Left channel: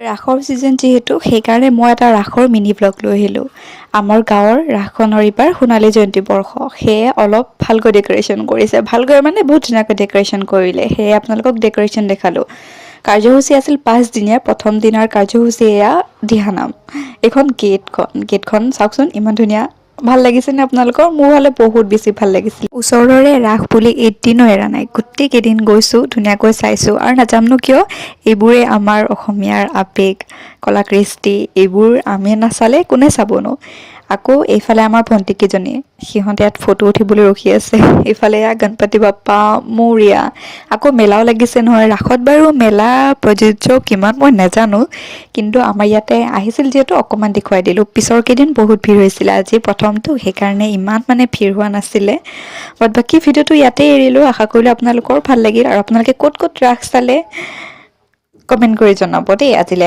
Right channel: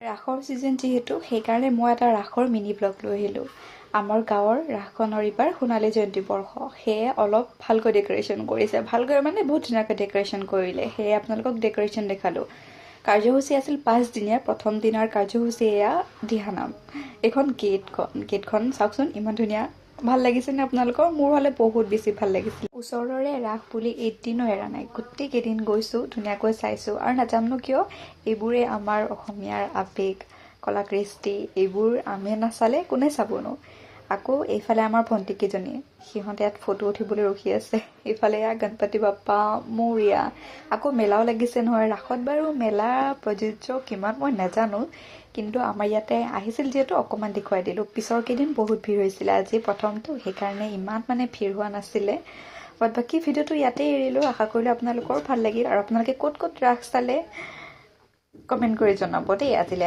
ৰাসৰ ছিজন যিহেতু সেইকাৰণে মই এটা ৰাসৰ মিনি ব্লগ লৈ আহিলোঁ। আমাৰ গাঁৱৰ ৰাসখনৰ এইবাৰ সোণালী জয়ন্তী বৰ্ষ, সেয়ে অলপ ভালকৈ ডেক'ৰেশ্যন কৰিছে। ভালকৈ মানে বহুত ধুনীয়াকৈ ডেক'ৰেশ্যন কৰিলে, সেয়ে আপোনালোকক ডেক'ৰেশ্যন দেখালোঁ। কাৰ্যসূচী আছিল 5 দিনীয়া। প্ৰথম দিনাৰ কাৰ্যসূচী এয়া দিহানাম। এইখন গেটখন চাওকচোন ইমান ধুনীয়া। ভাল লাগিছেনে আপোনালোকৰ? মোৰ হ'লে বহুত বেছি ভাল লাগিছিল। ওচৰৰে ৰাস বুলি এদিনো এৰা নাই, গোটেই কেইদিন গৈছোঁ, ধুনীয়াকৈ চাইছোঁ। আৰু নাজানো কিয় এইবোৰে আমাৰ অসমীয়াৰ আৱেগ, কলা কৃষ্টি, এইবোৰ আমি নাচালে কোনে চাবনো। আকৌ এইফালে আমাৰ ভণ্টিকেইজনী, সিহঁতে ইয়াত ফটো উঠিবলৈ ৰখি আছে। এইফালে এয়া গণপতি বাপ্পা মৌৰিয়া। আকৌ মেলাও লাগিছে নহয়। ৰাসত বাৰু মেলা প্ৰযোজ্য কিমান মই নাজানো, কিন্তু আমাৰ ইয়াতে আহিছিল যিহেতু অকণমান দেখুৱাই দিলোঁ। পিছৰ কেইদিন বহুত ভিৰ হৈছিলে, আজি প্ৰথমটো সেইকাৰণে ইমান মানে ভিৰ হোৱা নাছিলে। বাট বাকী ভিডিঅ'টো ইয়াতে এৰিলোঁ। আশা কৰিলোঁ আপোনালোকৰ ভাল লাগিল। আৰু আপোনালোকে ক'ত ক'ত ৰাস চালে কমেণ্ট কৰি জনাব দেই। আজিলৈ